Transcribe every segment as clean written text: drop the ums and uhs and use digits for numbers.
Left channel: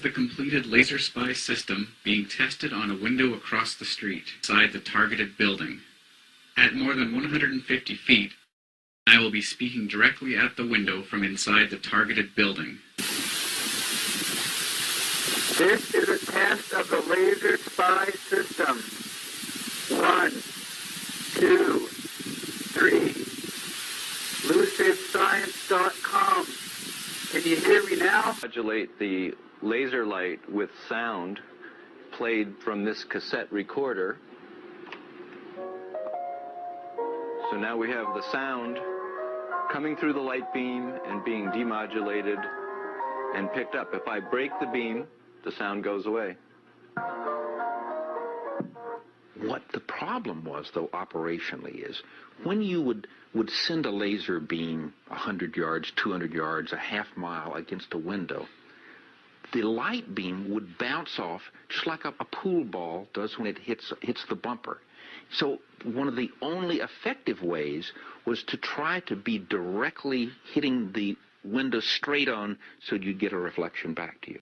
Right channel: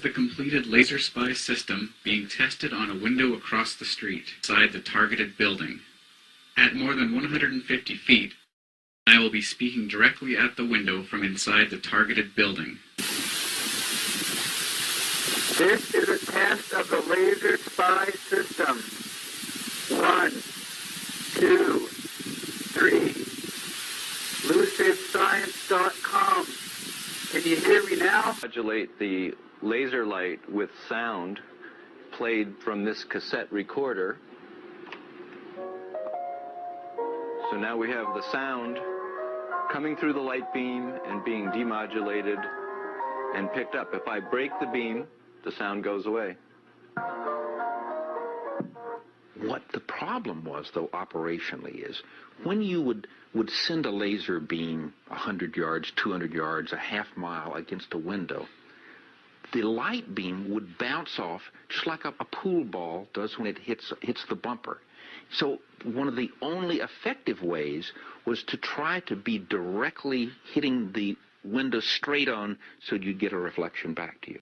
The completed laser spy system being tested on a window across the street, inside the targeted building. At more than 150 feet, I will be speaking directly at the window from inside the targeted building. This is a test of the laser spy system. 1, 2, 3. LucidScience.com. Can you hear me now? Modulate the laser light with sound played from this cassette recorder. So now we have the sound coming through the light beam and being demodulated and picked up. If I break the beam, the sound goes away. What the problem was, though, operationally, is when you would send a laser beam 100 yards, 200 yards, a half mile against a window, the light beam would bounce off just like a pool ball does when it hits the bumper. So one of the only effective ways was to try to be directly hitting the window straight on so you'd get a reflection back to you.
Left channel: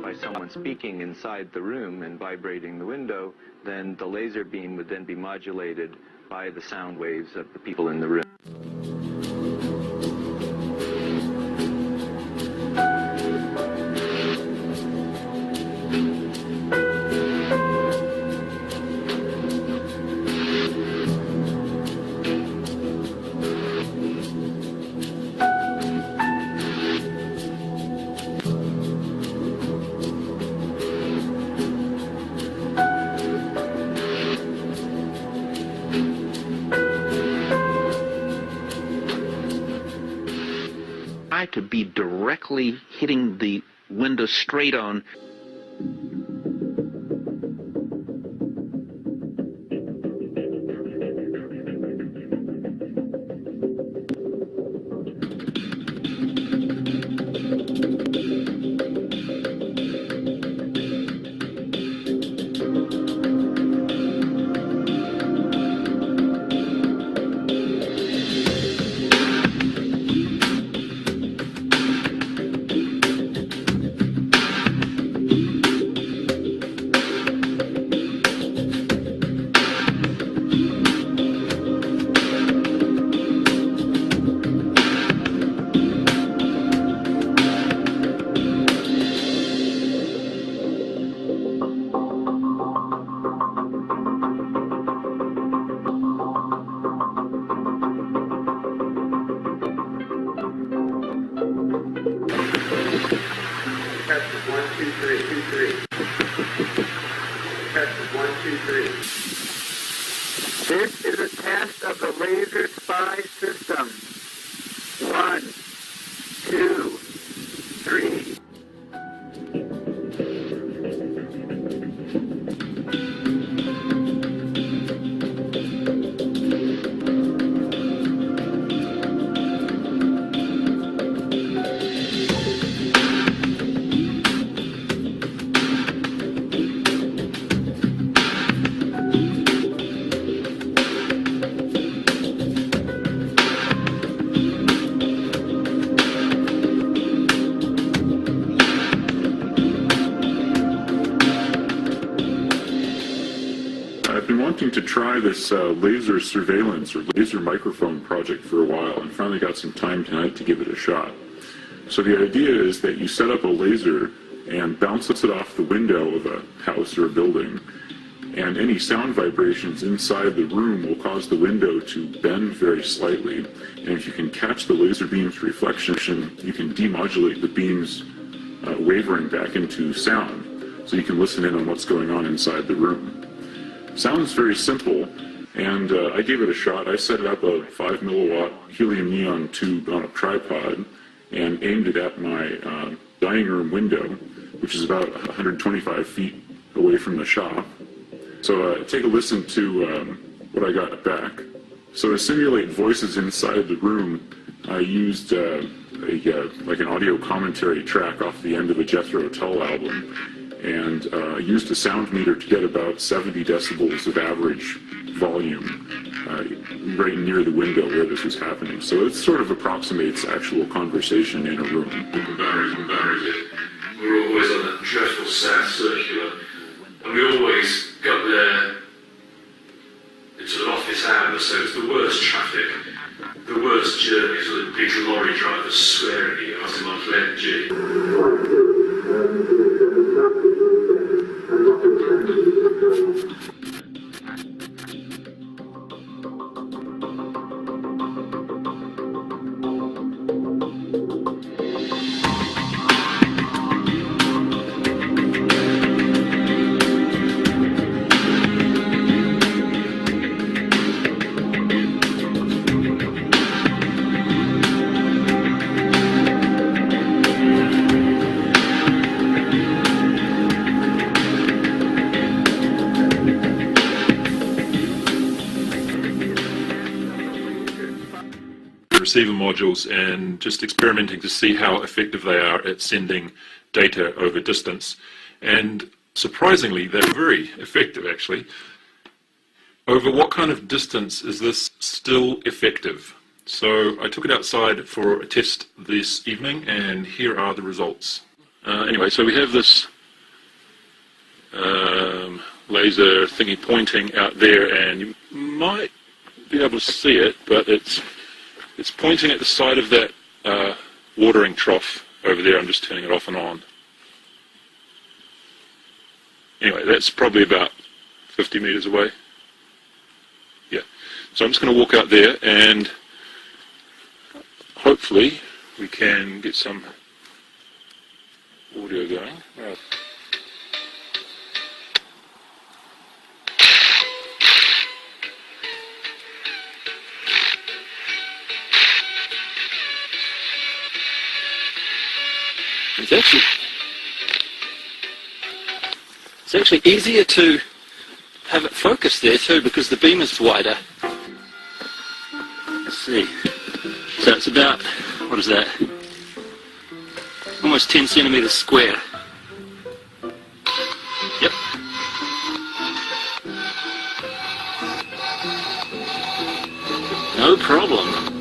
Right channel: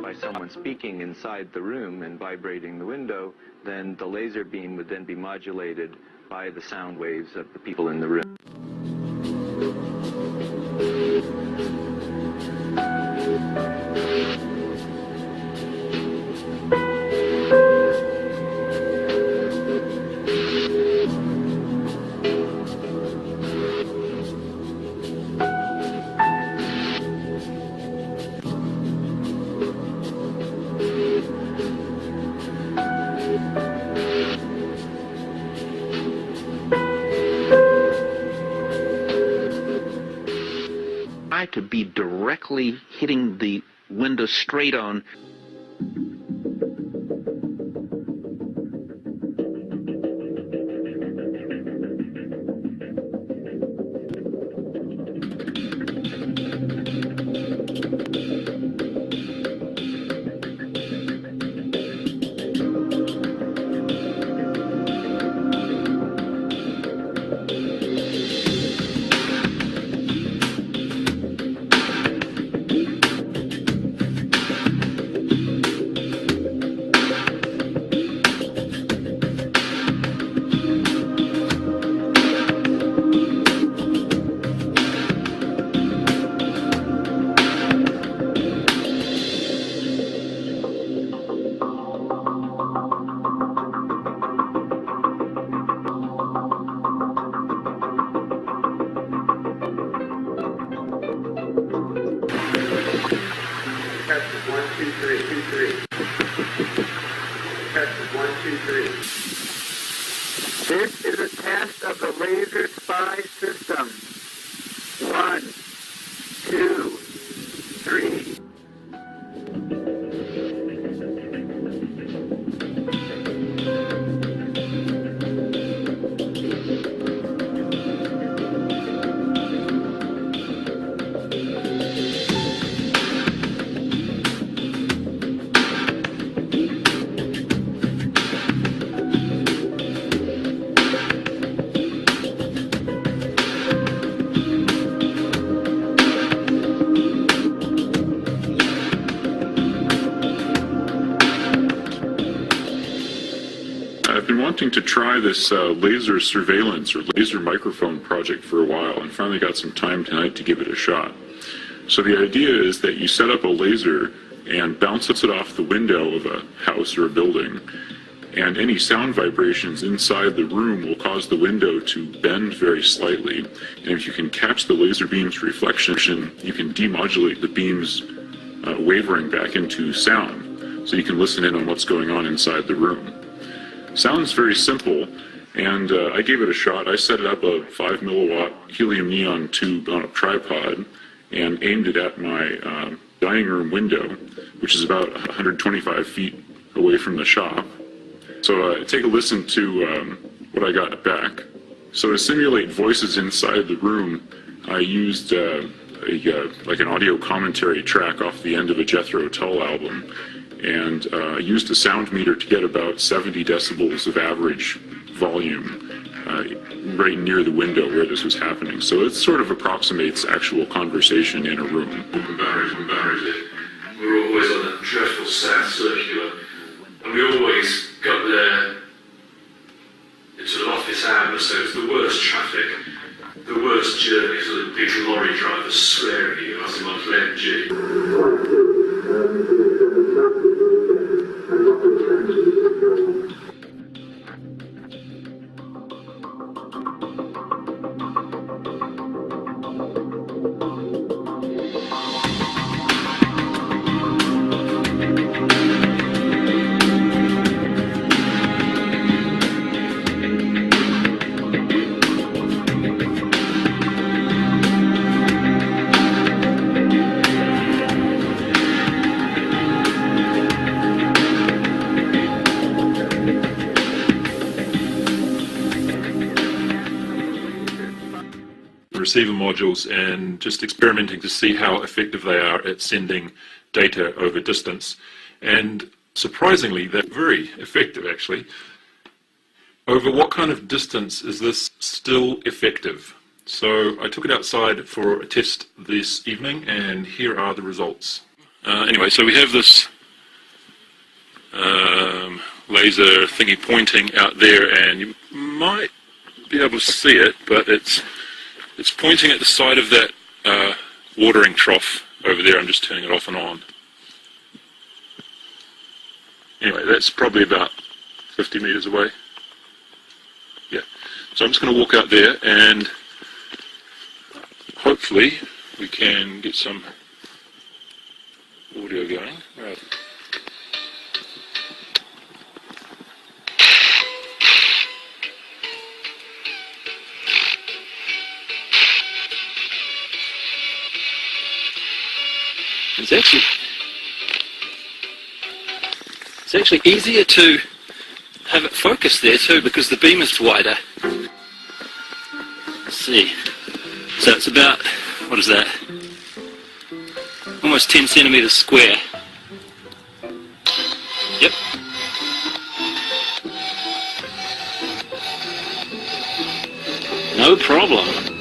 By someone speaking inside the room and vibrating the window, then the laser beam would then be modulated by the sound waves of the people in the room. To be directly hitting the window straight on. This is a test of the laser spy system. 1, 2, 3. wanting to try this laser surveillance or laser microphone project for a while and finally got some time tonight to give it a shot. So the idea is that you set up a laser and bounce it off the window of a house or a building, and any sound vibrations inside the room will cause the window to bend very slightly. And if you can catch the laser beam's reflection, you can demodulate the beam's wavering back into sound, so you can listen in on what's going on inside the room. Sounds very simple, and I gave it a shot. I set it up a 5 milliwatt helium neon tube on a tripod and aimed it at my dining room window, which is about 125 feet away from the shop. So take a listen to what I got back. So to simulate voices inside the room, I used like an audio commentary track off the end of a Jethro Tull album, and used a sound meter to get about 70 decibels of average volume right near the window where this was happening. So it sort of approximates actual conversation in a room. We're always on that dreadful South Circular, and we always got there into an office hour, so it's the worst traffic, the worst journeys with the big lorry drivers swearing at you as I'm on playing receiver modules and just experimenting to see how effective they are at sending data over distance. And surprisingly, they're very effective actually. Over what kind of distance is this still effective? So I took it outside for a test this evening, and here are the results. Anyway, so we have this laser thingy pointing out there, and you might be able to see it, but it's pointing at the side of that watering trough over there. I'm just turning it off and on. Anyway, that's probably about 50 meters away. Yeah. So I'm just going to walk out there, and hopefully we can get some audio going. Right. It's actually easier to have it focus there too, because the beam is wider. Let's see. So it's about, what is that? Almost 10 centimeters square. Yep. No problem.